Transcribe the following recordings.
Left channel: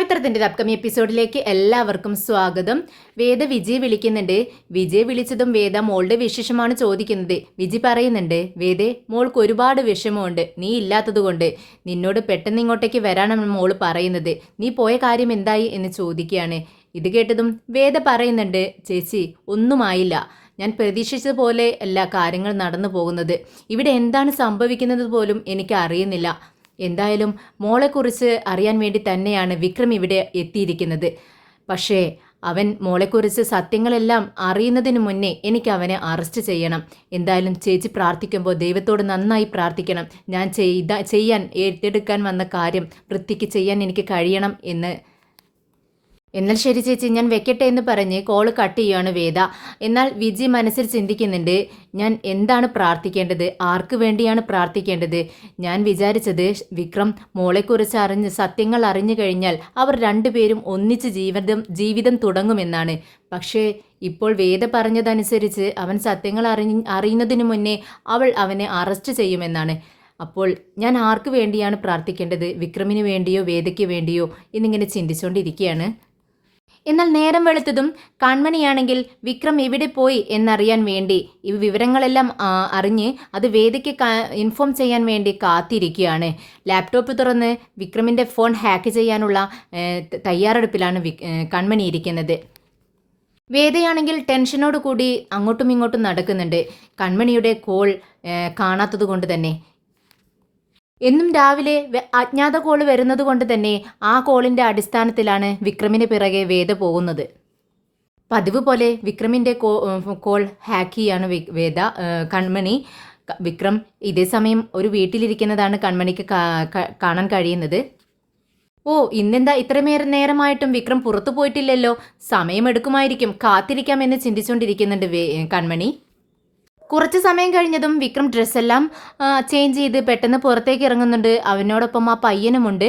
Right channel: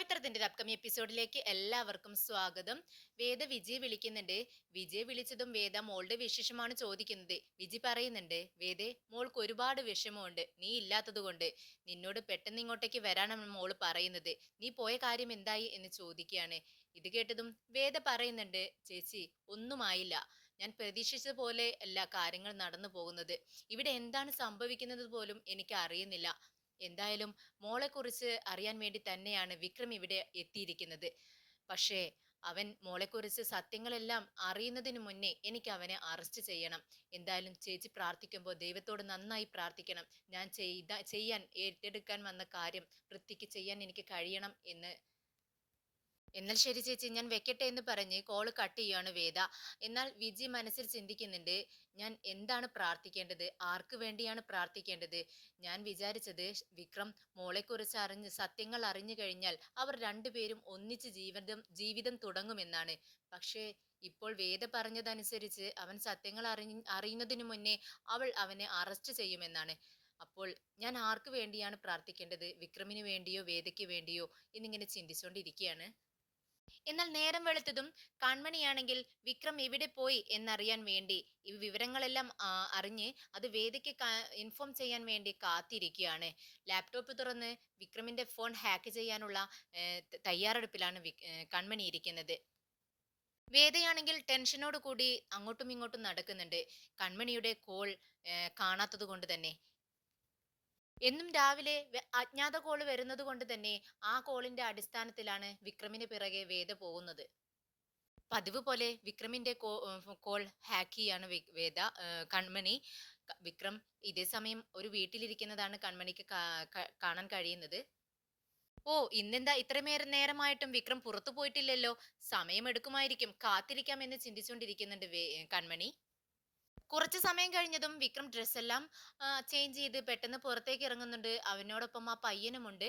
പവിത്രത്തിൻ്റെ upcoming എപ്പിസോഡിലേക്ക് എല്ലാവർക്കും സ്വാഗതം. വേദ വിജയ് വിളിക്കുന്നുണ്ട്. വിജയ് വിളിച്ചതും വേദ മോളുടെ വിശേഷമാണ് ചോദിക്കുന്നത്. വിജയ് പറയുന്നുണ്ട്, വേദേ, മോൾക്ക് ഒരുപാട് വിഷമമുണ്ട്, നീ ഇല്ലാത്തത് കൊണ്ട്. നിന്നോട് പെട്ടെന്ന് ഇങ്ങോട്ടേക്ക് വരാനാണ് മോള് പറയുന്നത്. നീ പോയ കാര്യം എന്തായി എന്ന് ചോദിക്കുകയാണ്. ഇത് കേട്ടതും വേദ പറയുന്നുണ്ട്, ചേച്ചി ഒന്നുമായില്ല. ഞാൻ പ്രതീക്ഷിച്ചതുപോലെ എല്ലാ കാര്യങ്ങൾ നടന്നു പോകുന്നത്. ഇവിടെ എന്താണ് സംഭവിക്കുന്നത് പോലും എനിക്ക് അറിയുന്നില്ല. എന്തായാലും മോളെക്കുറിച്ച് അറിയാൻ വേണ്ടി തന്നെയാണ് വിക്രം ഇവിടെ എത്തിയിരിക്കുന്നത്. പക്ഷേ അവൻ മോളെക്കുറിച്ച് സത്യങ്ങളെല്ലാം അറിയുന്നതിന് മുന്നേ എനിക്ക് അവനെ അറസ്റ്റ് ചെയ്യണം. എന്തായാലും ചേച്ചി പ്രാർത്ഥിക്കുമ്പോൾ ദൈവത്തോട് നന്നായി പ്രാർത്ഥിക്കണം. ഞാൻ ചെയ്യാൻ ഏറ്റെടുക്കാൻ വന്ന കാര്യം വൃത്തിക്ക് ചെയ്യാൻ എനിക്ക് കഴിയണം എന്ന്. എന്നാൽ ശരി ചേച്ചി, ഞാൻ വെക്കട്ടെ എന്ന് പറഞ്ഞ് കോള് കട്ട് ചെയ്യുകയാണ് വേദ. എന്നാൽ വിജി മനസ്സിൽ ചിന്തിക്കുന്നുണ്ട്, ഞാൻ എന്താണ് പ്രാർത്ഥിക്കേണ്ടത്, ആർക്ക് വേണ്ടിയാണ് പ്രാർത്ഥിക്കേണ്ടത്? ഞാൻ വിചാരിച്ചത് വിക്രം മോളെക്കുറിച്ച് സത്യങ്ങൾ അറിഞ്ഞു കഴിഞ്ഞാൽ അവർ രണ്ടുപേരും ഒന്നിച്ച് ജീവിതം തുടങ്ങുമെന്നാണ്. പക്ഷേ ഇപ്പോൾ വേദ പറഞ്ഞതനുസരിച്ച് അവൻ സത്യങ്ങൾ അറിയുന്നതിന് മുന്നേ അവൾ അവനെ അറസ്റ്റ് ചെയ്യുമെന്നാണ്. അപ്പോൾ ഞാൻ ആർക്ക് വേണ്ടിയാണ് പ്രാർത്ഥിക്കേണ്ടത്? വിക്രമിന് വേണ്ടിയോ വേദയ്ക്ക് വേണ്ടിയോ എന്നിങ്ങനെ ചിന്തിച്ചുകൊണ്ടിരിക്കുകയാണ്. എന്നാൽ നേരം വെളുത്തതും കൺമണിയാണെങ്കിൽ വിക്രം എവിടെ പോയി എന്നറിയാൻ വേണ്ടി ഈ വിവരങ്ങളെല്ലാം അറിഞ്ഞ് അത് വേദിക്ക് ഇൻഫോം ചെയ്യാൻ വേണ്ടി കാത്തിരിക്കുകയാണ്. ലാപ്ടോപ്പ് തുറന്ന് വിക്രമിൻ്റെ ഫോൺ ഹാക്ക് ചെയ്യാനുള്ള തയ്യാറെടുപ്പിലാണ് കൺമണി ഇരിക്കുന്നത്. വേദയാണെങ്കിൽ ടെൻഷനോട് കൂടി അങ്ങോട്ടും ഇങ്ങോട്ടും നടക്കുന്നുണ്ട്. കൺമണിയുടെ കോൾ കാണാത്തത് കൊണ്ട് തന്നെ. എന്നും രാവിലെ അജ്ഞാത കോൾ വരുന്നത് കൊണ്ട് തന്നെ ആ കോളിൻ്റെ അടിസ്ഥാനത്തിലാണ് വിക്രമിന് പിറകെ വേദ പോകുന്നത്. പതിവ് പോലെ വിക്രമിൻ്റെ കോൾ ഹാക്ക് ചെയ്യാണ് കൺമണി. വിക്രം ഇതേ സമയം ഒരു വീട്ടിലിരിക്കുന്നതാണ് കൺമണിക്ക് കാണാൻ കഴിയുന്നത്. ഓ, ഇന്നെന്താ ഇത്രമേറെ നേരമായിട്ടും വിക്രം പുറത്തു പോയിട്ടില്ലല്ലോ, സമയമെടുക്കുമായിരിക്കും, കാത്തിരിക്കാമെന്ന് ചിന്തിച്ചുകൊണ്ടിരിക്കുന്നുണ്ട് കൺമണി. കുറച്ച് സമയം കഴിഞ്ഞതും വിക്രം ഡ്രസ്സെല്ലാം ചേഞ്ച് ചെയ്ത് പെട്ടെന്ന് പുറത്തേക്ക് ഇറങ്ങുന്നുണ്ട്. അവനോടൊപ്പം ആ പയ്യനുമുണ്ട്.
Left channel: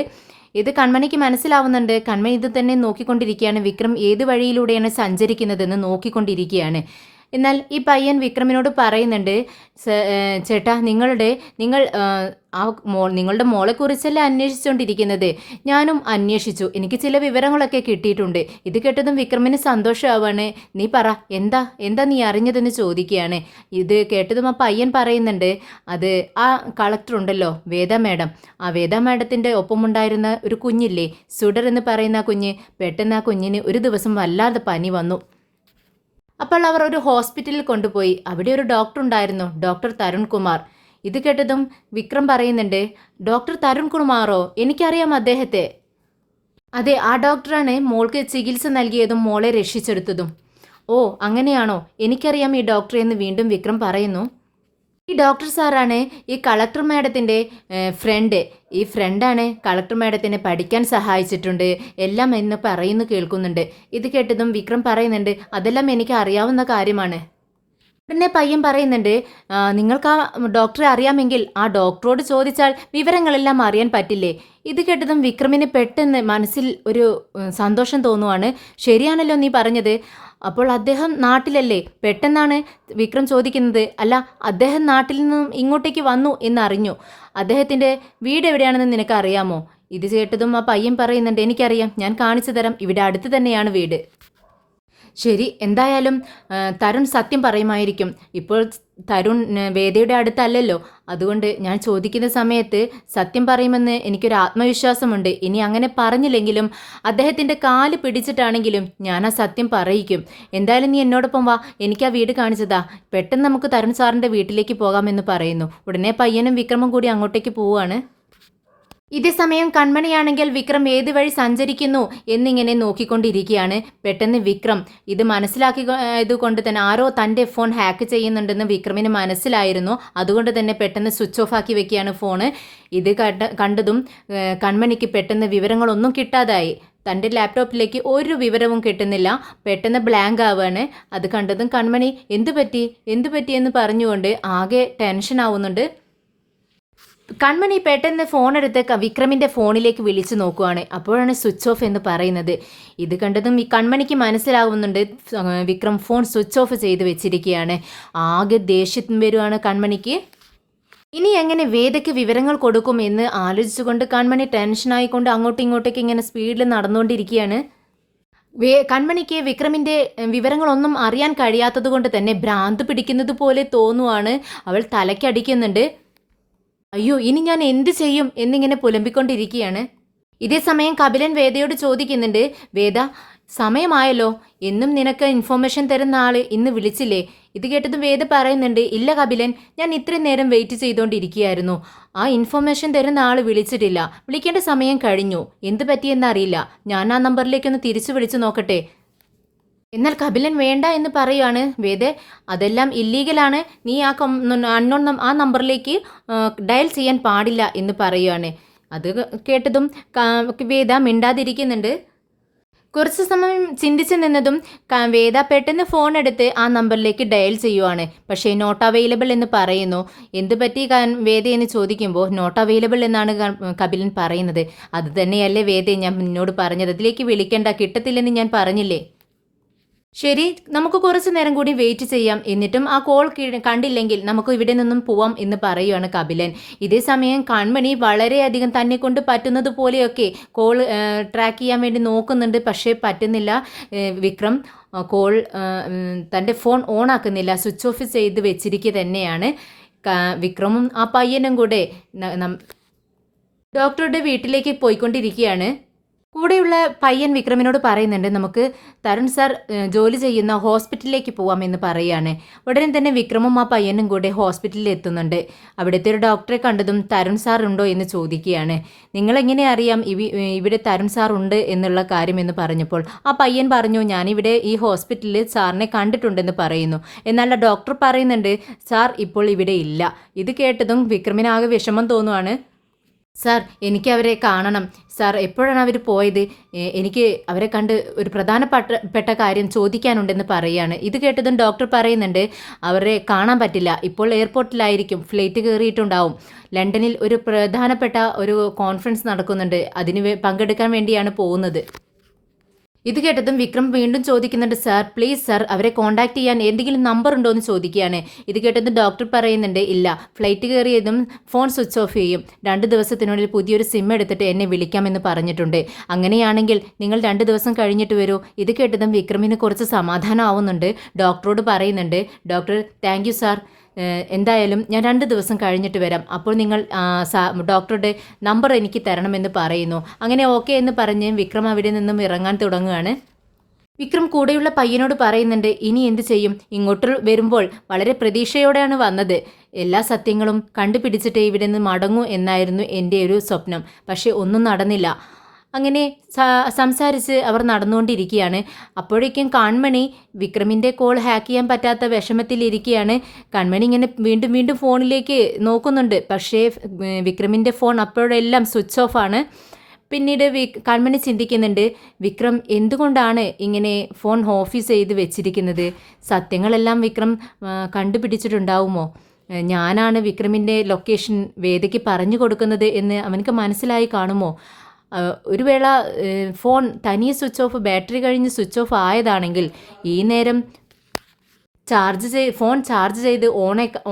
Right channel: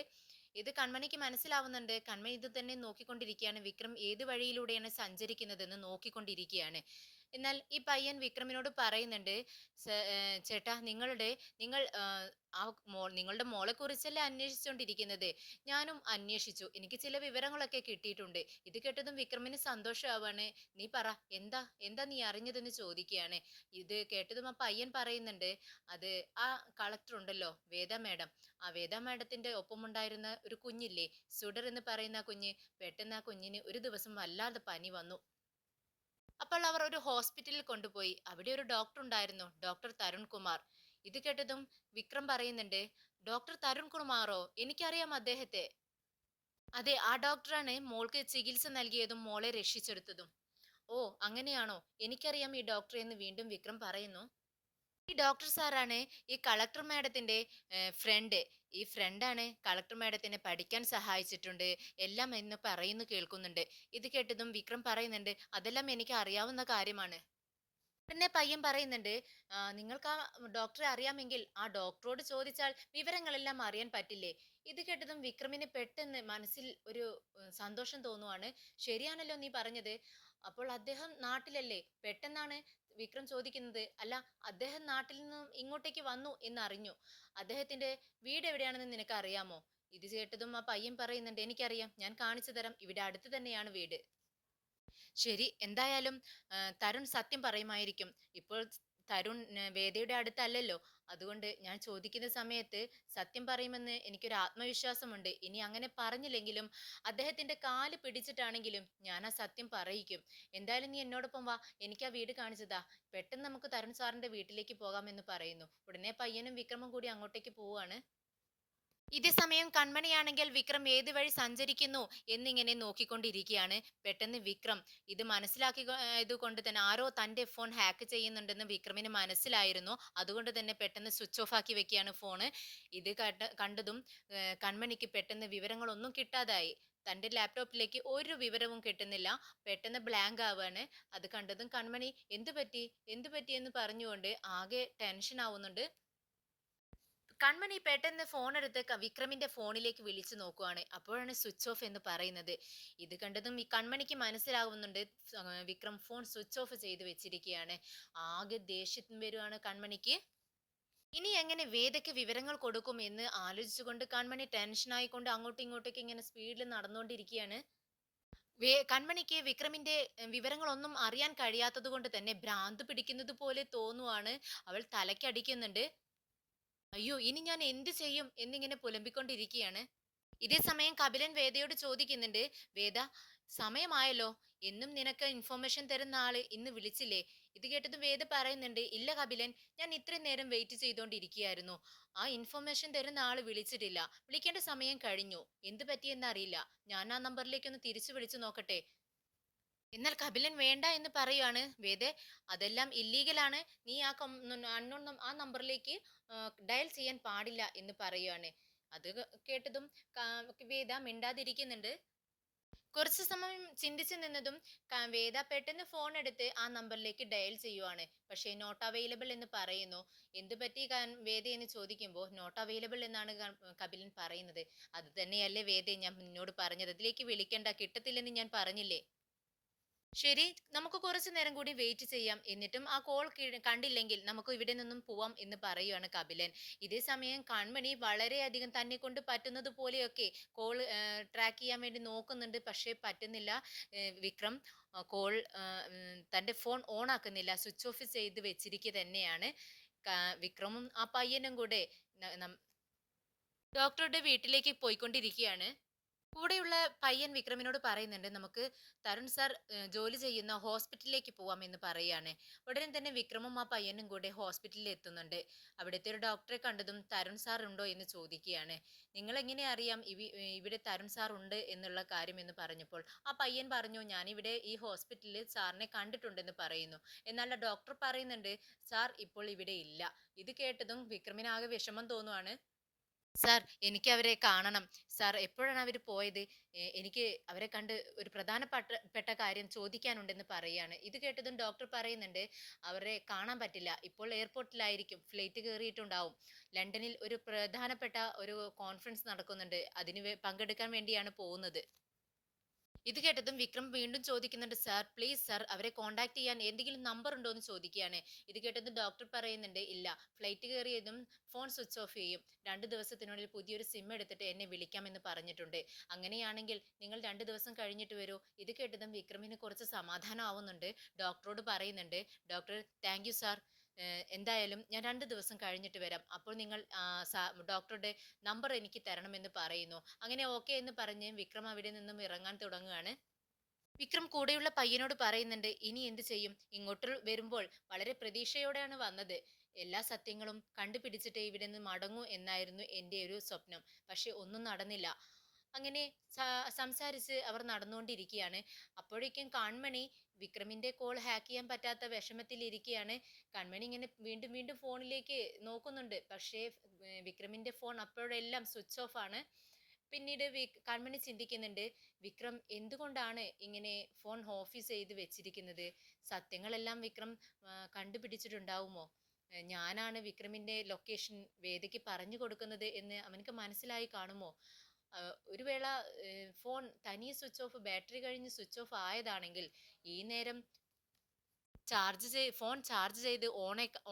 ഇത് കൺമണിക്ക് മനസ്സിലാവുന്നുണ്ട്. കൺമണി ഇത് തന്നെ നോക്കിക്കൊണ്ടിരിക്കുകയാണ്. വിക്രം ഏത് വഴിയിലൂടെയാണ് സഞ്ചരിക്കുന്നതെന്ന് നോക്കിക്കൊണ്ടിരിക്കുകയാണ്. എന്നാൽ ഈ പയ്യൻ വിക്രമിനോട് പറയുന്നുണ്ട്, ചേട്ടാ നിങ്ങൾ നിങ്ങളുടെ മോളെക്കുറിച്ചല്ലേ അന്വേഷിച്ചുകൊണ്ടിരിക്കുന്നത്? ഞാനും അന്വേഷിച്ചു, എനിക്ക് ചില വിവരങ്ങളൊക്കെ കിട്ടിയിട്ടുണ്ട്. ഇത് കേട്ടതും വിക്രമിന് സന്തോഷമാവാണ്. നീ പറ, എന്താ നീ അറിഞ്ഞതെന്ന് ചോദിക്കുകയാണ്. ഇത് കേട്ടതും ആ പയ്യൻ പറയുന്നുണ്ട്, അത് ആ കളക്ടർ ഉണ്ടല്ലോ, വേദ മാഡം, ആ വേദ മാഡത്തിൻ്റെ ഒപ്പമുണ്ടായിരുന്ന ഒരു കുഞ്ഞില്ലേ, സുഡർ എന്ന് പറയുന്ന ആ കുഞ്ഞ്, പെട്ടെന്ന് ആ കുഞ്ഞിന് ഒരു ദിവസം വല്ലാതെ പനി വന്നു. അപ്പോൾ അവർ ഒരു ഹോസ്പിറ്റലിൽ കൊണ്ടുപോയി. അവിടെ ഒരു ഡോക്ടർ ഉണ്ടായിരുന്നു, ഡോക്ടർ തരുൺ കുമാർ. ഇത് കേട്ടതും വിക്രം പറയുന്നുണ്ട്, ഡോക്ടർ തരുൺ കുമാറോ? എനിക്കറിയാം അദ്ദേഹത്തെ. അതെ, ആ ഡോക്ടറാണ് മോൾക്ക് ചികിത്സ നൽകിയതും മോളെ രക്ഷിച്ചെടുത്തതും. ഓ, അങ്ങനെയാണോ? എനിക്കറിയാം ഈ ഡോക്ടറെ എന്ന് വീണ്ടും വിക്രം പറയുന്നു. ഈ ഡോക്ടർ സാറാണ് ഈ കളക്ടർ മാഡത്തിൻ്റെ ഫ്രണ്ട്. ഈ ഫ്രണ്ടാണ് കളക്ടർ മാഡത്തിനെ പഠിക്കാൻ സഹായിച്ചിട്ടുണ്ട് എല്ലാം എന്ന് പറയുന്നു കേൾക്കുന്നുണ്ട്. ഇത് കേട്ടതും വിക്രം പറയുന്നുണ്ട്, അതെല്ലാം എനിക്ക് അറിയാവുന്ന കാര്യമാണ്. പിന്നെ പയ്യൻ പറയുന്നുണ്ട്, നിങ്ങൾക്ക് ആ ഡോക്ടറെ അറിയാമെങ്കിൽ ആ ഡോക്ടറോട് ചോദിച്ചാൽ വിവരങ്ങളെല്ലാം അറിയാൻ പറ്റില്ലേ? ഇത് കേട്ടതും വിക്രമിന് പെട്ടെന്ന് മനസ്സിൽ ഒരു സന്തോഷം തോന്നുവാണ്. ശരിയാണല്ലോ നീ പറഞ്ഞത്. അപ്പോൾ അദ്ദേഹം നാട്ടിലല്ലേ? പെട്ടെന്നാണ് വിക്രം ചോദിക്കുന്നത്, അല്ല അദ്ദേഹം നാട്ടിൽ നിന്നും ഇങ്ങോട്ടേക്ക് വന്നു എന്നറിഞ്ഞു. അദ്ദേഹത്തിൻ്റെ വീട് എവിടെയാണെന്ന് നിനക്ക് അറിയാമോ? ഇത് കേട്ടതും ആ പയ്യൻ പറയുന്നുണ്ട്, എനിക്കറിയാം, ഞാൻ കാണിച്ചു തരാം, ഇവിടെ അടുത്ത് തന്നെയാണ് വീട്. ശരി, എന്തായാലും തരുൺ സത്യം പറയുമായിരിക്കും. ഇപ്പോൾ തരുൺ വേദയുടെ അടുത്തല്ലല്ലോ, അതുകൊണ്ട് ഞാൻ ചോദിക്കുന്ന സമയത്ത് സത്യം പറയുമെന്ന് എനിക്കൊരു ആത്മവിശ്വാസമുണ്ട്. ഇനി അങ്ങനെ പറഞ്ഞില്ലെങ്കിലും അദ്ദേഹത്തിൻ്റെ കാല് പിടിച്ചിട്ടാണെങ്കിലും ഞാൻ ആ സത്യം പറയിക്കും. എന്തായാലും നീ എന്നോടൊപ്പം വാ, എനിക്ക് ആ വീട് കാണിച്ചതാ, പെട്ടെന്ന് നമുക്ക് തരുൺ സാറിൻ്റെ വീട്ടിലേക്ക് പോകാമെന്ന് പറയുന്നു. ഉടനെ പയ്യനും വിക്രമും കൂടി അങ്ങോട്ടേക്ക് പോവുകയാണ്. ഇതേ സമയം കൺമണിയാണെങ്കിൽ വിക്രം ഏത് വഴി സഞ്ചരിക്കുന്നു എന്നിങ്ങനെ നോക്കിക്കൊണ്ടിരിക്കുകയാണ്. പെട്ടെന്ന് വിക്രം ഇത് മനസ്സിലാക്കിയതുകൊണ്ട് തന്നെ ആരോ തൻ്റെ ഫോൺ ഹാക്ക് ചെയ്യുന്നുണ്ടെന്ന് വിക്രമിന് മനസ്സിലായിരുന്നു. അതുകൊണ്ട് തന്നെ പെട്ടെന്ന് സ്വിച്ച് ഓഫ് ആക്കി വെക്കുകയാണ് ഫോണ്. ഇത് കണ്ടതും കൺമണിക്ക് പെട്ടെന്ന് വിവരങ്ങളൊന്നും കിട്ടാതായി. തൻ്റെ ലാപ്ടോപ്പിലേക്ക് ഒരു വിവരവും കിട്ടുന്നില്ല. പെട്ടെന്ന് ബ്ലാങ്ക് ആവുകയാണ്. അത് കണ്ടതും കൺമണി എന്തു പറ്റി എന്ന് പറഞ്ഞുകൊണ്ട് ആകെ ടെൻഷൻ ആവുന്നുണ്ട്. കൺമണി പെട്ടെന്ന് ഫോൺ എടുത്ത് വിക്രമിൻ്റെ ഫോണിലേക്ക് വിളിച്ചു നോക്കുവാണ്. അപ്പോഴാണ് സ്വിച്ച് ഓഫ് എന്ന് പറയുന്നത്. ഇത് കണ്ടതും ഈ കൺമണിക്ക് മനസ്സിലാവുന്നുണ്ട് വിക്രം ഫോൺ സ്വിച്ച് ഓഫ് ചെയ്ത് വെച്ചിരിക്കുകയാണ്. ആകെ ദേഷ്യം വരുവാണ് കൺമണിക്ക്. ഇനി എങ്ങനെ വേദയ്ക്ക് വിവരങ്ങൾ കൊടുക്കും എന്ന് ആലോചിച്ചുകൊണ്ട് കൺമണി ടെൻഷനായിക്കൊണ്ട് അങ്ങോട്ടും ഇങ്ങോട്ടേക്ക് ഇങ്ങനെ സ്പീഡിൽ നടന്നുകൊണ്ടിരിക്കുകയാണ്. കൺമണിക്ക് വിക്രമിൻ്റെ വിവരങ്ങളൊന്നും അറിയാൻ കഴിയാത്തത് കൊണ്ട് തന്നെ ഭ്രാന്ത് പിടിക്കുന്നത് പോലെ തോന്നുവാണ്. അവൾ തലയ്ക്കടിക്കുന്നുണ്ട്. അയ്യോ, ഇനി ഞാൻ എന്ത് ചെയ്യും എന്നിങ്ങനെ പുലമ്പിക്കൊണ്ടിരിക്കുകയാണ്. ഇതേ സമയം കപിലൻ വേദയോട് ചോദിക്കുന്നുണ്ട്, വേദ സമയമായല്ലോ, എന്നും നിനക്ക് ഇൻഫോർമേഷൻ തരുന്ന ആള് ഇന്ന് വിളിച്ചില്ലേ? ഇത് കേട്ടതും വേദ പറയുന്നുണ്ട്, ഇല്ല കപിലൻ, ഞാൻ ഇത്രയും നേരം വെയിറ്റ് ചെയ്തുകൊണ്ടിരിക്കുകയായിരുന്നു. ആ ഇൻഫോർമേഷൻ തരുന്ന ആള് വിളിച്ചിട്ടില്ല. വിളിക്കേണ്ട സമയം കഴിഞ്ഞു. എന്ത് പറ്റിയെന്നറിയില്ല. ഞാൻ ആ നമ്പറിലേക്കൊന്ന് തിരിച്ചു വിളിച്ചു നോക്കട്ടെ. എന്നാൽ കപിലൻ വേണ്ട എന്ന് പറയുകയാണ്. വേദ, അതെല്ലാം ഇല്ലീഗലാണ്. നീ അൺനോൺ ആ നമ്പറിലേക്ക് ഡയൽ ചെയ്യാൻ പാടില്ല എന്ന് പറയുകയാണ്. അത് കേട്ടതും വേദ മിണ്ടാതിരിക്കുന്നുണ്ട്. കുറച്ച് സമയം ചിന്തിച്ചു നിന്നതും വേദ പെട്ടെന്ന് ഫോൺ എടുത്ത് ആ നമ്പറിലേക്ക് ഡയൽ ചെയ്യുവാണ്. പക്ഷേ നോട്ട് അവൈലബിൾ എന്ന് പറയുന്നു. എന്ത് പറ്റി വേദ എന്ന് ചോദിക്കുമ്പോൾ നോട്ട് അവൈലബിൾ എന്നാണ് കപിലൻ പറയുന്നത്. അത് തന്നെയല്ലേ വേദ ഞാൻ നിന്നോട് പറഞ്ഞത്, അതിലേക്ക് വിളിക്കേണ്ട, കിട്ടത്തില്ലെന്ന് ഞാൻ പറഞ്ഞില്ലേ? ശരി, നമുക്ക് കുറച്ച് നേരം കൂടി വെയിറ്റ് ചെയ്യാം. എന്നിട്ടും ആ കോൾ കണ്ടില്ലെങ്കിൽ നമുക്ക് ഇവിടെ നിന്നും പോവാം എന്ന് പറയുകയാണ് കപിലൻ. ഇതേ സമയം കൺമണി വളരെയധികം തന്നെ കൊണ്ട് പറ്റുന്നത് പോലെയൊക്കെ കോൾ ട്രാക്ക് ചെയ്യാൻ വേണ്ടി നോക്കുന്നുണ്ട്. പക്ഷേ പറ്റുന്നില്ല. വിക്രം കോൾ തൻ്റെ ഫോൺ ഓൺ ആക്കുന്നില്ല, സ്വിച്ച് ഓഫ് ചെയ്ത് വെച്ചിരിക്കുക തന്നെയാണ്. വിക്രമും ആ പയ്യനും കൂടെ ഡോക്ടറുടെ വീട്ടിലേക്ക് പോയിക്കൊണ്ടിരിക്കുകയാണ്. കൂടെയുള്ള പയ്യൻ വിക്രമിനോട് പറയുന്നുണ്ട്, നമുക്ക് തരുൺ സാർ ജോലി ചെയ്യുന്ന ഹോസ്പിറ്റലിലേക്ക് പോവാമെന്ന് പറയുകയാണ്. ഉടനെ തന്നെ വിക്രമും ആ പയ്യനും കൂടെ ഹോസ്പിറ്റലിൽ എത്തുന്നുണ്ട്. അവിടുത്തെ ഒരു ഡോക്ടറെ കണ്ടതും തരുൺ സാർ ഉണ്ടോ എന്ന് ചോദിക്കുകയാണ്. നിങ്ങളെങ്ങനെ അറിയാം ഇവിടെ തരുൺ സാർ ഉണ്ട് എന്നുള്ള കാര്യം എന്ന് പറഞ്ഞപ്പോൾ ആ പയ്യൻ പറഞ്ഞു, ഞാനിവിടെ ഈ ഹോസ്പിറ്റലിൽ സാറിനെ കണ്ടിട്ടുണ്ടെന്ന് പറയുന്നു. എന്നാൽ ആ ഡോക്ടർ പറയുന്നുണ്ട്, സാർ ഇപ്പോൾ ഇവിടെ ഇല്ല. ഇത് കേട്ടതും വിക്രമിനാകെ വിഷമം തോന്നുവാണ്. സാർ, എനിക്ക് അവരെ കാണണം. സാർ, എപ്പോഴാണ് അവർ പോയത്? എനിക്ക് അവരെ കണ്ട് ഒരു പ്രധാനപ്പെട്ട കാര്യം ചോദിക്കാനുണ്ടെന്ന് പറയുകയാണ്. ഇത് കേട്ടതും ഡോക്ടർ പറയുന്നുണ്ട്, അവരെ കാണാൻ പറ്റില്ല, ഇപ്പോൾ എയർപോർട്ടിലായിരിക്കും, ഫ്ലൈറ്റ് കയറിയിട്ടുണ്ടാവും. ലണ്ടനിൽ ഒരു പ്രധാനപ്പെട്ട ഒരു കോൺഫറൻസ് നടക്കുന്നുണ്ട്, അതിന് പങ്കെടുക്കാൻ വേണ്ടിയാണ് പോകുന്നത്. ഇത് കേട്ടതും വിക്രം വീണ്ടും ചോദിക്കുന്നുണ്ട്, സാർ പ്ലീസ് സാർ, അവരെ കോൺടാക്ട് ചെയ്യാൻ എന്തെങ്കിലും നമ്പർ ഉണ്ടോ എന്ന് ചോദിക്കുകയാണ്. ഇത് കേട്ടതും ഡോക്ടർ പറയുന്നുണ്ട്, ഇല്ല, ഫ്ലൈറ്റ് കയറിയതും ഫോൺ സ്വിച്ച് ഓഫ് ചെയ്യും. 2 ദിവസത്തിനുള്ളിൽ പുതിയൊരു സിം എടുത്തിട്ട് എന്നെ വിളിക്കാമെന്ന് പറഞ്ഞിട്ടുണ്ട്. അങ്ങനെയാണെങ്കിൽ നിങ്ങൾ 2 ദിവസം കഴിഞ്ഞിട്ട് വരൂ. ഇത് കേട്ടതും വിക്രമിന് കുറച്ച് സമാധാനം ആവുന്നുണ്ട്. ഡോക്ടറോട് പറയുന്നുണ്ട്, ഡോക്ടർ താങ്ക് യു സാർ, എന്തായാലും ഞാൻ 2 ദിവസം കഴിഞ്ഞിട്ട് വരാം. അപ്പോൾ നിങ്ങൾ ഡോക്ടറുടെ നമ്പർ എനിക്ക് തരണമെന്ന് പറയുന്നു. അങ്ങനെ ഓക്കെ എന്ന് പറഞ്ഞ് വിക്രം അവിടെ നിന്നും ഇറങ്ങാൻ തുടങ്ങുകയാണ്. വിക്രം കൂടെയുള്ള പയ്യനോട് പറയുന്നുണ്ട്, ഇനി എന്ത് ചെയ്യും? ഇങ്ങോട്ട് വരുമ്പോൾ വളരെ പ്രതീക്ഷയോടെയാണ് വന്നത്. എല്ലാ സത്യങ്ങളും കണ്ടുപിടിച്ചിട്ട് ഇവിടെ നിന്ന് മടങ്ങൂ എന്നായിരുന്നു എൻ്റെ ഒരു സ്വപ്നം. പക്ഷേ ഒന്നും നടന്നില്ല. അങ്ങനെ സംസാരിച്ച് അവർ നടന്നുകൊണ്ടിരിക്കുകയാണ്. അപ്പോഴേക്കും കൺമണി വിക്രമിൻ്റെ കോൾ ഹാക്ക് ചെയ്യാൻ പറ്റാത്ത വിഷമത്തിലിരിക്കുകയാണ്. കൺമണി ഇങ്ങനെ വീണ്ടും വീണ്ടും ഫോണിലേക്ക് നോക്കുന്നുണ്ട്. പക്ഷേ വിക്രമിൻ്റെ ഫോൺ അപ്പോഴെല്ലാം സ്വിച്ച് ഓഫാണ്. പിന്നീട് കൺമണി ചിന്തിക്കുന്നുണ്ട്, വിക്രം എന്തുകൊണ്ടാണ് ഇങ്ങനെ ഫോൺ ഓഫ് ചെയ്ത് വെച്ചിരിക്കുന്നത്? സത്യങ്ങളെല്ലാം വിക്രം കണ്ടുപിടിച്ചിട്ടുണ്ടാവുമോ? ഞാനാണ് വിക്രമിൻ്റെ ലൊക്കേഷൻ വേദയ്ക്ക് പറഞ്ഞു കൊടുക്കുന്നത് എന്ന് അവനക്ക് മനസ്സിലായി കാണുമോ? ഒരു വേള ഫോൺ തനിയെ സ്വിച്ച് ഓഫ്, ബാറ്ററി കഴിഞ്ഞ് സ്വിച്ച് ഓഫ് ആയതാണെങ്കിൽ ഈ നേരം ഫോൺ ചാർജ് ചെയ്ത്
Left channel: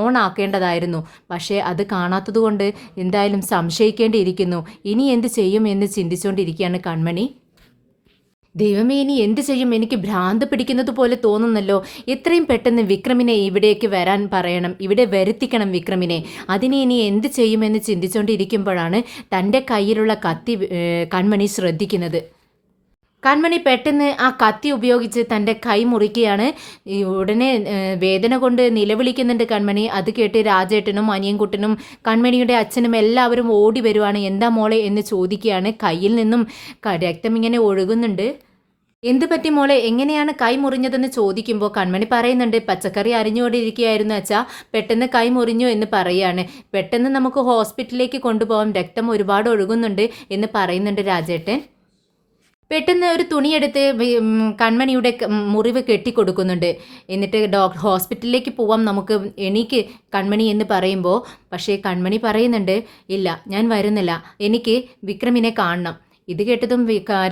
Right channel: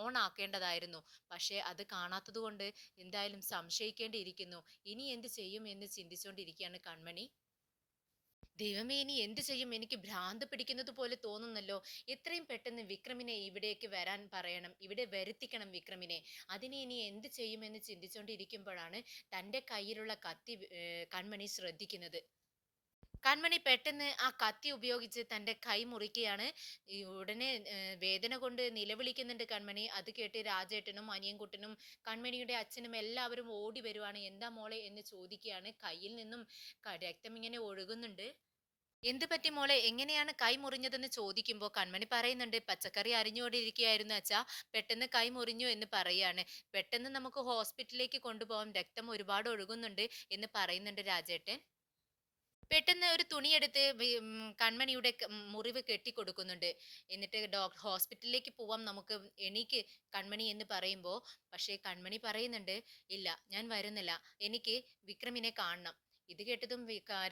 ഓൺ ആക്കേണ്ടതായിരുന്നു. പക്ഷേ അത് കാണാത്തതുകൊണ്ട് എന്തായാലും സംശയിക്കേണ്ടിയിരിക്കുന്നു. ഇനി എന്ത് ചെയ്യും എന്ന് ചിന്തിച്ചുകൊണ്ടിരിക്കുകയാണ് കൺമണി. ദൈവമേ, ഇനി എന്ത് ചെയ്യും? എനിക്ക് ഭ്രാന്ത് പിടിക്കുന്നത് പോലെ തോന്നുന്നല്ലോ. എത്രയും പെട്ടെന്ന് വിക്രമിനെ ഇവിടേക്ക് വരാൻ പറയണം, ഇവിടെ വരുത്തിക്കണം വിക്രമിനെ. അതിനെ ഇനി എന്ത് ചെയ്യുമെന്ന് ചിന്തിച്ചുകൊണ്ടിരിക്കുമ്പോഴാണ് തൻ്റെ കയ്യിലുള്ള കത്തി കൺമണി ശ്രദ്ധിക്കുന്നത്. കൺമണി പെട്ടെന്ന് ആ കത്തി ഉപയോഗിച്ച് തൻ്റെ കൈ മുറിക്കുകയാണ്. ഉടനെ വേദന കൊണ്ട് നിലവിളിക്കുന്നുണ്ട് കൺമണി. അത് കേട്ട് രാജേട്ടനും അനിയൻകുട്ടനും കൺമണിയുടെ അച്ഛനും എല്ലാവരും ഓടി വരുവാണ്. എന്താ മോളെ എന്ന് ചോദിക്കുകയാണ്. കയ്യിൽ നിന്നും രക്തം ഇങ്ങനെ ഒഴുകുന്നുണ്ട്. എന്ത് പറ്റി മോളെ, എങ്ങനെയാണ് കൈ മുറിഞ്ഞതെന്ന് ചോദിക്കുമ്പോൾ കൺമണി പറയുന്നുണ്ട്, പച്ചക്കറി അരിഞ്ഞുകൊണ്ടിരിക്കുകയായിരുന്നു അച്ഛാ, പെട്ടെന്ന് കൈ മുറിഞ്ഞു എന്ന് പറയുകയാണ്. പെട്ടെന്ന് നമുക്ക് ഹോസ്പിറ്റലിലേക്ക് കൊണ്ടുപോകാം, രക്തം ഒരുപാട് ഒഴുകുന്നുണ്ട് എന്ന് പറയുന്നുണ്ട് രാജേട്ടൻ. പെട്ടെന്ന് ഒരു തുണിയെടുത്ത് കൺമണിയുടെ മുറിവ് കെട്ടിക്കൊടുക്കുന്നുണ്ട്. എന്നിട്ട് ഹോസ്പിറ്റലിലേക്ക് പോവാം നമുക്ക്, എണീക്ക് കൺമണി എന്ന് പറയുമ്പോൾ പക്ഷേ കൺമണി പറയുന്നുണ്ട്, ഇല്ല ഞാൻ വരുന്നില്ല, എനിക്ക് വിക്രമിനെ കാണണം. ഇത് കേട്ടതും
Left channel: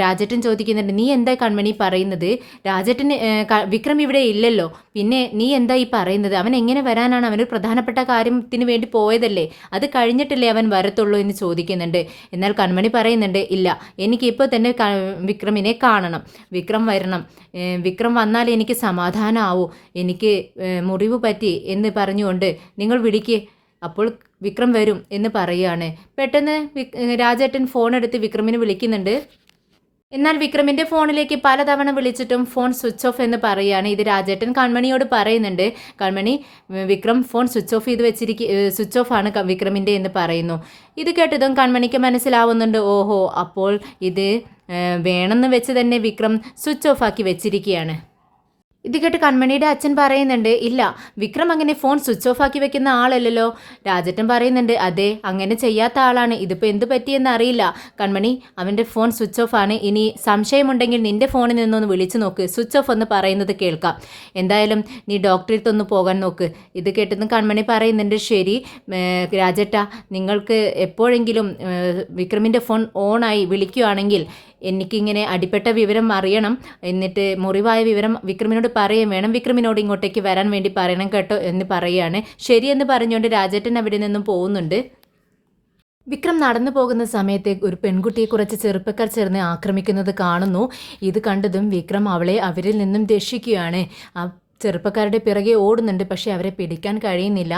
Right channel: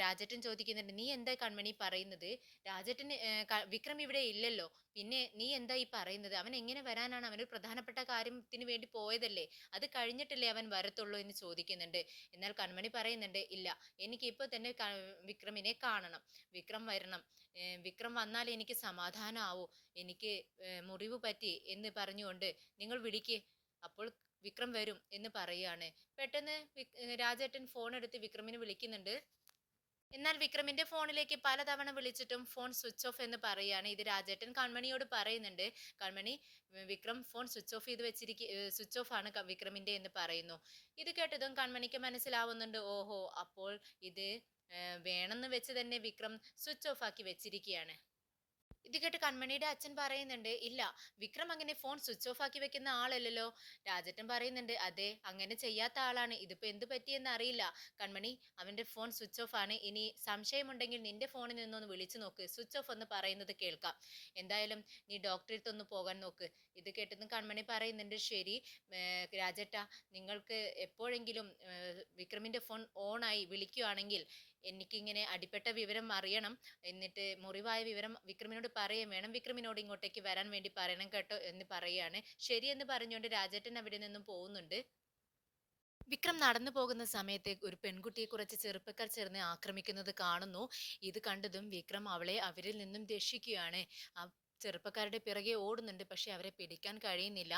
രാജേട്ടൻ ചോദിക്കുന്നുണ്ട്, നീ എന്താ കൺമണി പറയുന്നത്? രാജേട്ടന് വിക്രം ഇവിടെ ഇല്ലല്ലോ, പിന്നെ നീ എന്താ ഈ പറയുന്നത്? അവൻ എങ്ങനെ വരാനാണ്? അവനൊരു പ്രധാനപ്പെട്ട കാര്യത്തിന് വേണ്ടി പോയതല്ലേ, അത് കഴിഞ്ഞിട്ടല്ലേ അവൻ വരത്തുള്ളൂ എന്ന് ചോദിക്കുന്നുണ്ട്. എന്നാൽ കൺമണി പറയുന്നുണ്ട്, ഇല്ല, എനിക്കിപ്പോൾ തന്നെ വിക്രമിനെ കാണണം, വിക്രം വരണം, വിക്രം വന്നാൽ എനിക്ക് സമാധാനമാവൂ, എനിക്ക് മുറിവ് പറ്റി എന്ന് പറഞ്ഞുകൊണ്ട് നിങ്ങൾ വിളിക്ക്, അപ്പോൾ വിക്രം വരും എന്ന് പറയുകയാണ്. പെട്ടെന്ന് രാജേട്ടൻ ഫോൺ എടുത്ത് വിക്രമിനെ വിളിക്കുന്നുണ്ട്. എന്നാൽ വിക്രമിൻ്റെ ഫോണിലേക്ക് പലതവണ വിളിച്ചിട്ടും ഫോൺ സ്വിച്ച് ഓഫ് എന്ന് പറയുകയാണ്. ഇത് രാജേട്ടൻ കൺമണിയോട് പറയുന്നുണ്ട്. കൺമണി, വിക്രം ഫോൺ സ്വിച്ച് ഓഫ് ആണ് വിക്രമിൻ്റെ എന്ന് പറയുന്നു. ഇത് കേട്ടതും കൺമണിക്ക് മനസ്സിലാവുന്നുണ്ട്, ഓഹോ, അപ്പോൾ ഇത് വേണമെന്ന് വെച്ച് തന്നെ വിക്രം സ്വിച്ച് ഓഫ് ആക്കി വെച്ചിരിക്കുകയാണ്. ഇത് കേട്ട് കൺമണിയുടെ അച്ഛൻ പറയുന്നുണ്ട്, ഇല്ല, വിക്രം അങ്ങനെ ഫോൺ സ്വിച്ച് ഓഫ് ആക്കി വെക്കുന്ന ആളല്ലല്ലോ. രാജേട്ടൻ പറയുന്നുണ്ട്, അതെ, അങ്ങനെ ചെയ്യാത്ത ആളാണ്, ഇതിപ്പോൾ എന്ത് പറ്റിയെന്ന് അറിയില്ല കൺമണി, അവൻ്റെ ഫോൺ സ്വിച്ച് ഓഫ് ആണ്, ഇനി സംശയമുണ്ടെങ്കിൽ നിൻ്റെ ഫോണിൽ നിന്നൊന്ന് വിളിച്ചു നോക്ക്, സ്വിച്ച് ഓഫ് എന്ന് പറയുന്നത് കേൾക്കാം, എന്തായാലും നീ ഡോക്ടറെടുത്തൊന്ന് പോകാൻ നോക്ക്. ഇത് കേട്ടതും കൺമണി പറയുന്നുണ്ട്, ശരി രാജേട്ട, നിങ്ങൾക്ക് എപ്പോഴെങ്കിലും വിക്രമിൻ്റെ ഫോൺ ഓണായി വിളിക്കുകയാണെങ്കിൽ എനിക്കിങ്ങനെ അടിപ്പെട്ട വിവരം അറിയണം, എന്നിട്ട് മുറിവായ വിവരം വിക്രമിനോട് പറയുകയും വേണം, വിക്രമിനോട് ഇങ്ങോട്ടേക്ക് വരാൻ വേണ്ടി പറയണം കേട്ടോ എന്ന് പറയുകയാണ്. ശരിയെന്ന് പറഞ്ഞുകൊണ്ട് രാജേട്ടൻ അവിടെ നിന്നും പോകുന്നുണ്ട്. വിക്രം നടന്നു പോകുന്ന സമയത്ത് ഒരു പെൺകുട്ടിയെ കുറച്ച് ചെറുപ്പക്കാർ ചേർന്ന് ആക്രമിക്കുന്നത് കാണുന്നു. ഇത് കണ്ടതും വിക്രം അവരിൽ നിന്നും രക്ഷിക്കുകയാണ്. ചെറുപ്പക്കാരുടെ പിറകെ ഓടുന്നുണ്ട്, പക്ഷേ അവരെ പിടിക്കാൻ കഴിയുന്നില്ല.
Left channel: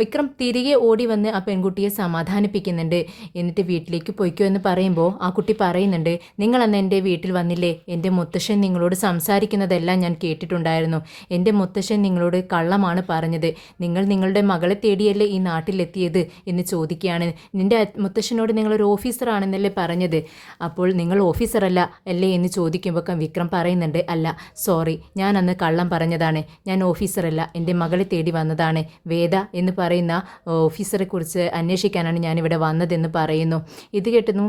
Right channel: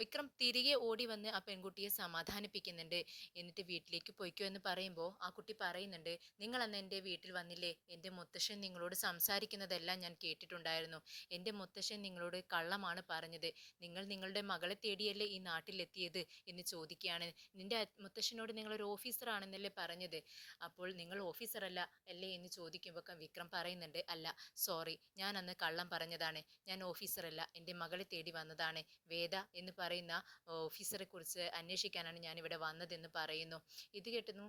വിക്രം തിരികെ ഓടി വന്ന് ആ പെൺകുട്ടിയെ സമാധാനിപ്പിക്കുന്നുണ്ട്. എന്നിട്ട് വീട്ടിലേക്ക് പോയിക്കോ എന്ന് പറയുമ്പോൾ ആ കുട്ടി പറയുന്നുണ്ട്, നിങ്ങൾ അന്ന് എൻ്റെ വീട്ടിൽ വന്നില്ലേ, എൻ്റെ മുത്തശ്ശൻ നിങ്ങളോട് സംസാരിക്കുന്നതെല്ലാം ഞാൻ കേട്ടിട്ടുണ്ടായിരുന്നു, എൻ്റെ മുത്തശ്ശൻ നിങ്ങളോട് കള്ളമാണ് പറഞ്ഞത്, നിങ്ങൾ നിങ്ങളുടെ മകളെ തേടിയല്ലേ ഈ നാട്ടിലെത്തിയത് എന്ന് ചോദിക്കുകയാണ്. നിൻ്റെ മുത്തശ്ശനോട് നിങ്ങളൊരു ഓഫീസറാണെന്നല്ലേ പറഞ്ഞത്, അപ്പോൾ നിങ്ങൾ ഓഫീസറല്ല അല്ലേ എന്ന് ചോദിക്കുമ്പോൾ വിക്രം പറയുന്നുണ്ട്, അല്ല, സോറി, ഞാൻ അന്ന് കള്ളം പറഞ്ഞതാണ്, ഞാൻ ഓഫീസറല്ല, എൻ്റെ മകളെ തേടി വന്നതാണ്, വേദ എന്ന് പറയുന്ന ഓഫീസറെ കുറിച്ച് അന്വേഷിക്കാനാണ് ഞാനിവിടെ വന്നതെന്ന് പറയുന്നു. ഇത് കേട്ടുന്നു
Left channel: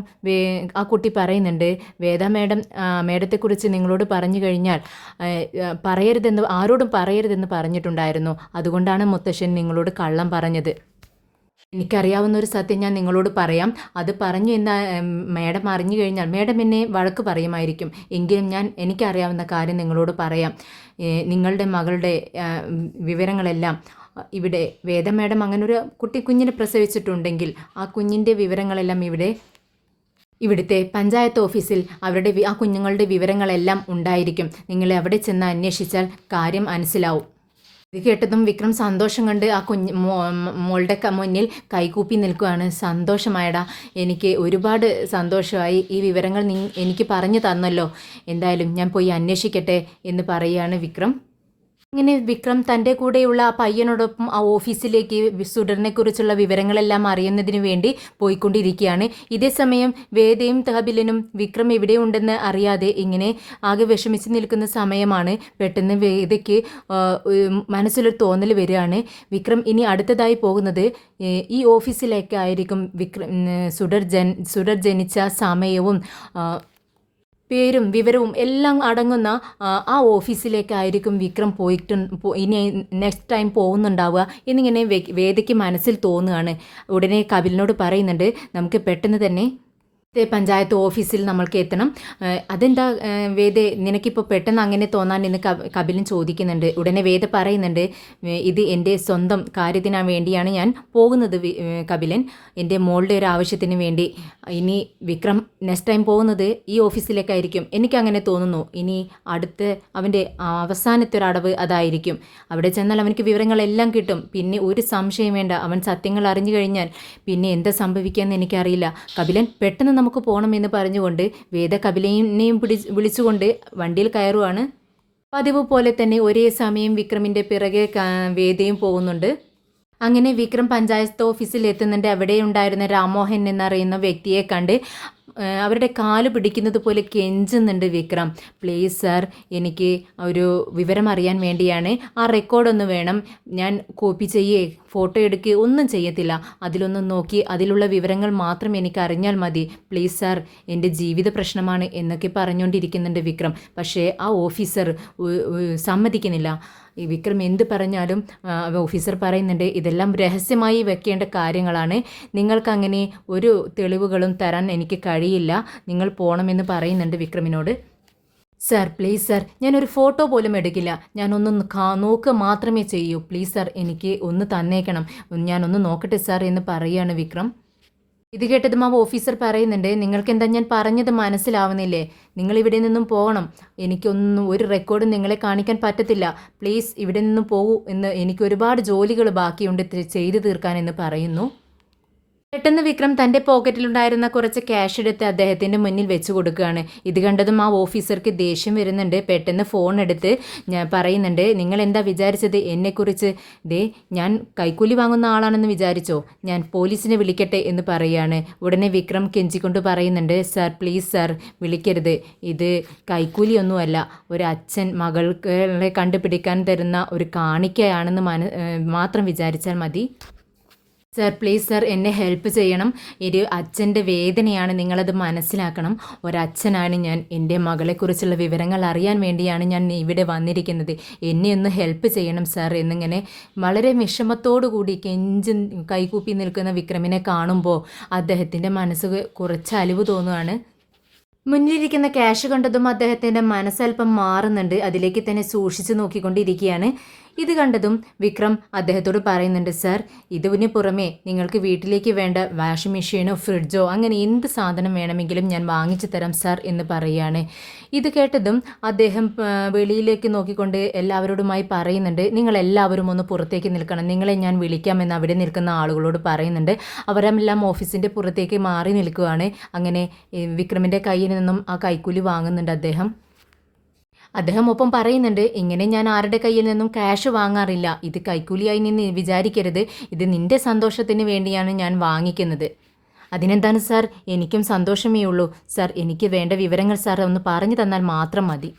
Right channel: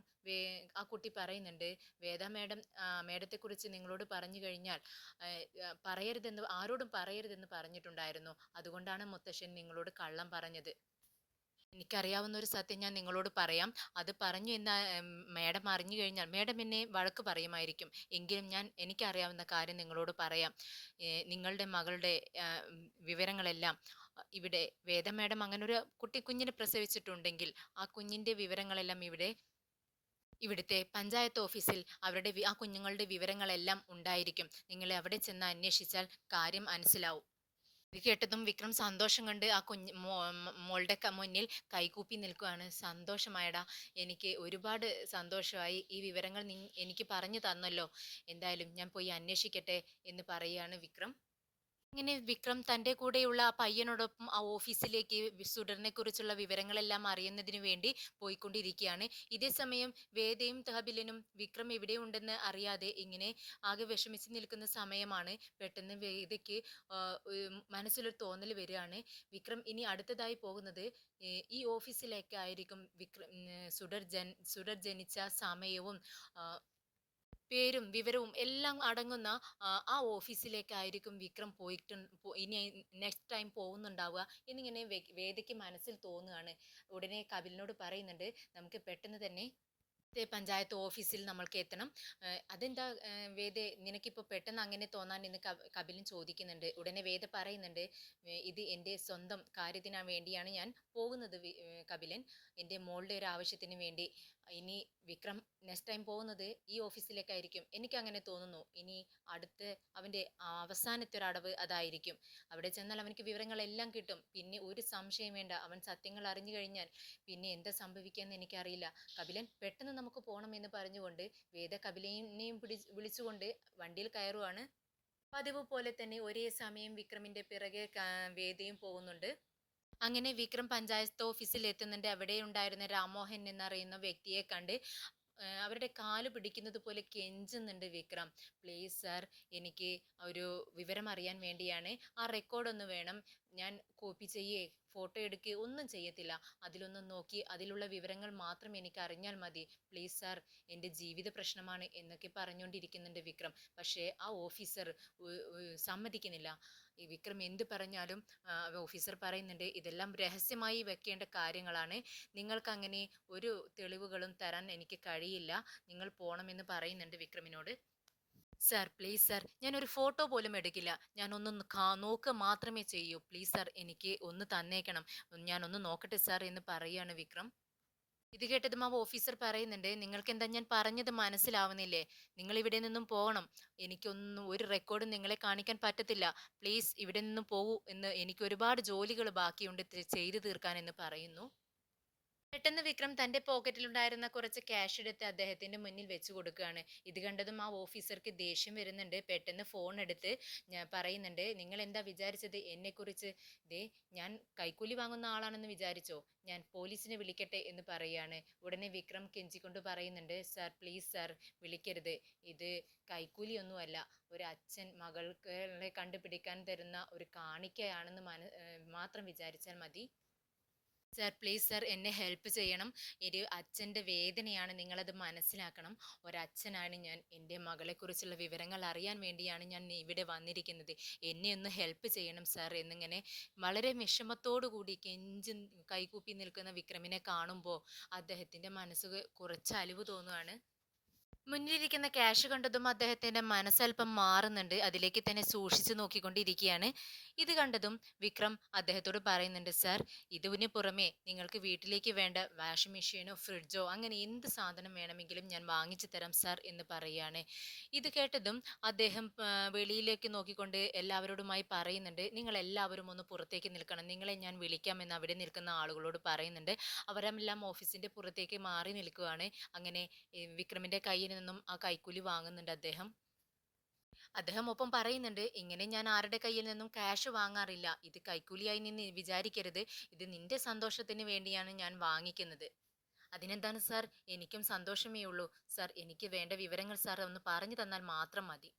ആ കുട്ടി പറയുന്നുണ്ട്, വേദ മേഡത്തെക്കുറിച്ച് നിങ്ങളോട് പറഞ്ഞു കഴിഞ്ഞാൽ ആരോടും പറയരുതെന്ന് പറഞ്ഞിട്ടുണ്ടായിരുന്നു, അതുകൊണ്ടാണ് മുത്തശ്ശൻ നിങ്ങളോട് കള്ളം പറഞ്ഞത്. എനിക്കറിയാവുന്ന ഒരു സത്യം ഞാൻ നിങ്ങളോട് പറയാം, അത് പറഞ്ഞു എന്ന് മേഡം അറിഞ്ഞു കഴിഞ്ഞാൽ മേഡം എന്നെ വഴക്ക് പറയുമായിരിക്കും, എങ്കിലും എനിക്കറിയാവുന്ന കാര്യം നിങ്ങളോട് പറയാം. നിങ്ങളുടെ മകളുടെ വിവരങ്ങളെല്ലാം ഇവിടെ വേദ മേഡം അങ്ങനെ ഒരു കുഞ്ഞിനെ പ്രസവിച്ചിട്ടുണ്ടെങ്കിൽ ആ കുഞ്ഞിൻ്റെ വിവരങ്ങളെല്ലാം ഇവിടുത്തെ പഞ്ചായത്ത് ഓഫീസിൽ ആ കുഞ്ഞുങ്ങളുടെ വിവരങ്ങളെല്ലാം ഉണ്ടായിരിക്കും, നിങ്ങൾ അവിടെ ചെന്ന് അന്വേഷിച്ചാൽ കാര്യം മനസ്സിലാവും. ഇത് കേട്ടതും വിക്രം സന്തോഷം കണ്ട് ആ മോളുടെ മുന്നിൽ കൈകൂപ്പി നിൽക്കുകയാണ്. സന്തോഷമായടാ, എനിക്ക് ഒരുപാട് സന്തോഷമായി, ഈ വിവരങ്ങൾ എനിക്ക് പറഞ്ഞു തന്നല്ലോ, എന്തായാലും ഞാൻ പോയി അന്വേഷിക്കട്ടെ എന്ന് പറയുകയാണ് വിക്രം. ഇങ്ങനെ വിക്രം തൻ്റെ കൂടെയുള്ള ആ പയ്യനോടൊപ്പം ആ ഓഫീസിലേക്ക് സുഡറിനെക്കുറിച്ചുള്ള വിവരങ്ങളെല്ലാം അറിയുന്നതിന് വേണ്ടി പോയിക്കൊണ്ടിരിക്കുകയാണ്. ഇതേസമയം വേദയും കപിലനും വിക്രം എവിടെയുണ്ടെന്ന് അറിയാതെ ഇങ്ങനെ ആകെ വിഷമിച്ച് നിൽക്കുന്ന സമയമാണ്. പെട്ടെന്ന് വേദയ്ക്ക് മനസ്സിലൊരു തോന്നൽ വരികയാണ്. വിക്രം ഇനി അടുത്തതായി പോകുന്നത് ഈ ഓഫീസിലേക്കായിരിക്കും. സുഡർ ജനിച്ച സമയവും പേരും വിവരവും എല്ലാം അടങ്ങുന്ന ആ ഓഫീസിലേക്കായിരിക്കും വിക്രം ഇനി നെക്സ്റ്റ് ടൈം പോകുന്നുണ്ടാവുക എന്നിങ്ങനെ വേദയ്ക്ക് മനസ്സിൽ തോന്നുകയാണ്. ഉടനെ കപിലിനോട് പറയുന്നുണ്ട്, നമുക്ക് പെട്ടെന്ന് തന്നെ പഞ്ചായത്ത് ഓഫീസിൽ നമ്മൾക്ക് എത്തണം. അതെന്താ വേദ നിനക്കിപ്പോൾ പെട്ടെന്ന് അങ്ങനെ തോന്നാൻ എന്ന് കപിലൻ ചോദിക്കുന്നുണ്ട്. ഉടനെ വേദ പറയുന്നുണ്ട്, ഇത് എൻ്റെ സ്വന്തം കാര്യത്തിന് വേണ്ടിയാണ് ഞാൻ പോകുന്നത് കപിലൻ, എൻ്റെ മോളുടെ ഒരു ആവശ്യത്തിന് വേണ്ടി. ഇനി വിക്രം നെക്സ്റ്റ് ടൈം പോകുന്നത് ഈ ഓഫീസിലേക്കായിരിക്കും, എനിക്കങ്ങനെ തോന്നുന്നു. ഇനി അവൻ്റെ അവസാനത്തെ ഒരു അടവ് അതായിരിക്കും. അവിടെ ചെന്നാൽ അവനക്ക് വിവരങ്ങളെല്ലാം കിട്ടും, പിന്നെ ഒരു സംശയം വേണ്ട, അവൻ സത്യങ്ങൾ അറിഞ്ഞു കഴിഞ്ഞാൽ പിന്നെ എന്താ സംഭവിക്കുകയെന്ന് എനിക്കറിയില്ല. കപിലൻ പെട്ടെന്ന് നമുക്ക് പോകണമെന്ന് പറഞ്ഞുകൊണ്ട് വേദ കപിലനെയും വിളിച്ചുകൊണ്ട് വണ്ടിയിൽ കയറുവാണ്. പതിവ് പോലെ തന്നെ ഒരേ സമയം വിക്രമിൻ്റെ പിറകെ വേദയും പോകുന്നുണ്ട്. അങ്ങനെ വിക്രം പഞ്ചായത്ത് ഓഫീസിൽ എത്തുന്നുണ്ട്. അവിടെ ഉണ്ടായിരുന്ന രാമോഹൻ എന്നറിയുന്ന വ്യക്തിയെ കണ്ട് അവരുടെ കാല് പിടിക്കുന്നത് പോലെ കെഞ്ചുന്നുണ്ട് വിക്രം. പ്ലീസ് സാർ, എനിക്ക് ഒരു വിവരം അറിയാൻ വേണ്ടിയാണ്, ആ റെക്കോർഡൊന്ന് വേണം, ഞാൻ കോപ്പി ചെയ്യേ ഫോട്ടോ എടുക്കുക ഒന്നും ചെയ്യത്തില്ല, അതിലൊന്നും നോക്കി അതിലുള്ള വിവരങ്ങൾ മാത്രം എനിക്ക് അറിഞ്ഞാൽ മതി, പ്ലീസ് സാർ, എൻ്റെ ജീവിത പ്രശ്നമാണ് എന്നൊക്കെ പറഞ്ഞുകൊണ്ടിരിക്കുന്നുണ്ട് വിക്രം. പക്ഷേ ആ ഓഫീസർ സമ്മതിക്കുന്നില്ല. ഈ വിക്രം എന്ത് പറഞ്ഞാലും ഓഫീസർ പറയുന്നുണ്ട് ഇതെല്ലാം രഹസ്യമായി വെക്കേണ്ട കാര്യങ്ങളാണ്. നിങ്ങൾക്കങ്ങനെ ഒരു തെളിവുകളും തരാൻ എനിക്ക് കഴിയില്ല. നിങ്ങൾ പോകണമെന്ന് പറയുന്നുണ്ട് വിക്രമിനോട്. സർ പ്ലീസ് സർ, ഞാനൊരു ഫോട്ടോ പോലും എടുക്കില്ല. ഞാനൊന്ന് നോക്കുക മാത്രമേ ചെയ്യൂ. പ്ലീസ് സർ, എനിക്ക് ഒന്ന് തന്നേക്കണം. ഞാനൊന്ന് നോക്കട്ടെ സർ എന്ന് പറയുകയാണ് വിക്രം. ഇത് കേട്ടതും ആ ഓഫീസർ പറയുന്നുണ്ട് നിങ്ങൾക്കെന്താ ഞാൻ പറഞ്ഞത് മനസ്സിലാവുന്നില്ലേ? നിങ്ങൾ ഇവിടെ നിന്നും പോകണം. എനിക്കൊന്നും ഒരു റെക്കോർഡും നിങ്ങളെ കാണിക്കാൻ പറ്റത്തില്ല. പ്ലീസ് ഇവിടെ നിന്നും പോകൂ എന്ന്, എനിക്ക് ഒരുപാട് ജോലികൾ ബാക്കിയുണ്ട് ചെയ്തു തീർക്കാൻ എന്ന് പറയുന്നു. പെട്ടെന്ന് വിക്രം തൻ്റെ പോക്കറ്റിലുണ്ടായിരുന്ന കുറച്ച് ക്യാഷ് എടുത്ത് അദ്ദേഹത്തിൻ്റെ മുന്നിൽ വെച്ച് കൊടുക്കുകയാണ്. ഇത് കണ്ടതും ആ ഓഫീസർക്ക് ദേഷ്യം വരുന്നുണ്ട്. പെട്ടെന്ന് ഫോൺ എടുത്ത് ഞാൻ പറയുന്നുണ്ട് നിങ്ങൾ എന്താ വിചാരിച്ചത് എന്നെക്കുറിച്ച്? ഞാൻ കൈക്കൂലി വാങ്ങുന്ന ആളാണെന്ന് വിചാരിച്ചോ? ഞാൻ പോലീസിനെ വിളിക്കട്ടെ എന്ന് പറയുകയാണ്. ഉടനെ വിക്രം കെഞ്ചിക്കൊണ്ട് പറയുന്നുണ്ട് സർ പ്ലീസ് സർ, വിളിക്കരുത്. ഇത് കൈക്കൂലിയൊന്നുമല്ല. ഒരു അച്ഛൻ മകളെ കണ്ടുപിടിക്കാൻ തരുന്ന ഒരു കാണിക്കയാണെന്ന് മാത്രം വിചാരിച്ചാൽ മതി. സർ പ്ലീസ് സർ, എന്നെ ഹെൽപ്പ് ചെയ്യണം. ഒരു അച്ഛൻ്റെ വേദനയാണ്, നിങ്ങളത് മനസ്സിലാക്കണം. ഒരച്ഛനാണ് ഞാൻ. എൻ്റെ മകളെക്കുറിച്ചുള്ള വിവരങ്ങൾ അറിയാൻ വേണ്ടിയാണ് ഞാൻ ഇവിടെ വന്നിരിക്കുന്നത്. എന്നെ ഒന്ന് ഹെൽപ്പ് ചെയ്യണം സർ എന്നിങ്ങനെ വളരെ വിഷമത്തോടു കൂടി കൈകൂപ്പി നിൽക്കുന്ന വിക്രമിനെ കാണുമ്പോൾ അദ്ദേഹത്തിൻ്റെ മനസ്സ് കുറച്ച് അലിവ് തോന്നുകയാണ്. മുന്നിലിരിക്കുന്ന ക്യാഷ് കണ്ടതും അദ്ദേഹത്തിൻ്റെ മനസ്സൽപ്പം മാറുന്നുണ്ട്. അതിലേക്ക് തന്നെ സൂക്ഷിച്ചു നോക്കിക്കൊണ്ടിരിക്കുകയാണ്. ഇത് കണ്ടതും വിക്രം അദ്ദേഹത്തോട് പറയുന്നുണ്ട് സർ, ഇതിന് പുറമെ നിങ്ങൾക്ക് വീട്ടിലേക്ക് വേണ്ട വാഷിംഗ് മെഷീനോ ഫ്രിഡ്ജോ അങ്ങനെ എന്ത് സാധനം വേണമെങ്കിലും ഞാൻ വാങ്ങിച്ചു തരാം സർ എന്ന് പറയുകയാണ്. ഇത് കേട്ടതും അദ്ദേഹം വെളിയിലേക്ക് നോക്കിക്കൊണ്ട് എല്ലാവരോടുമായി പറയുന്നുണ്ട് നിങ്ങളെല്ലാവരും ഒന്ന് പുറത്തേക്ക് നിൽക്കണം. നിങ്ങളെ ഞാൻ വിളിക്കാമെന്ന് അവിടെ നിൽക്കുന്ന ആളുകളോട് പറയുന്നുണ്ട്. അവരെല്ലാം ഓഫീസിൻ്റെ പുറത്തേക്ക് മാറി നിൽക്കുകയാണ്. അങ്ങനെ വിക്രമിൻ്റെ കയ്യിൽ നിന്നും ആ കൈക്കൂലി വാങ്ങുന്നുണ്ട് അദ്ദേഹം ഒപ്പം പറയുന്നുണ്ട് ഇങ്ങനെ ഞാൻ ആരുടെ കയ്യിൽ നിന്നും ക്യാഷ് വാങ്ങാറില്ല. ഇത് കൈക്കൂലിയായി നിന്ന് വിചാരിക്കരുത്. ഇത് നിൻ്റെ സന്തോഷത്തിന് വേണ്ടിയാണ് ഞാൻ വാങ്ങിക്കുന്നത്. അതിനെന്താണ് സാർ, എനിക്കും സന്തോഷമേ ഉള്ളൂ. സാർ എനിക്ക് വേണ്ട വിവരങ്ങൾ സാർ ഒന്ന് പറഞ്ഞു തന്നാൽ മാത്രം മതി.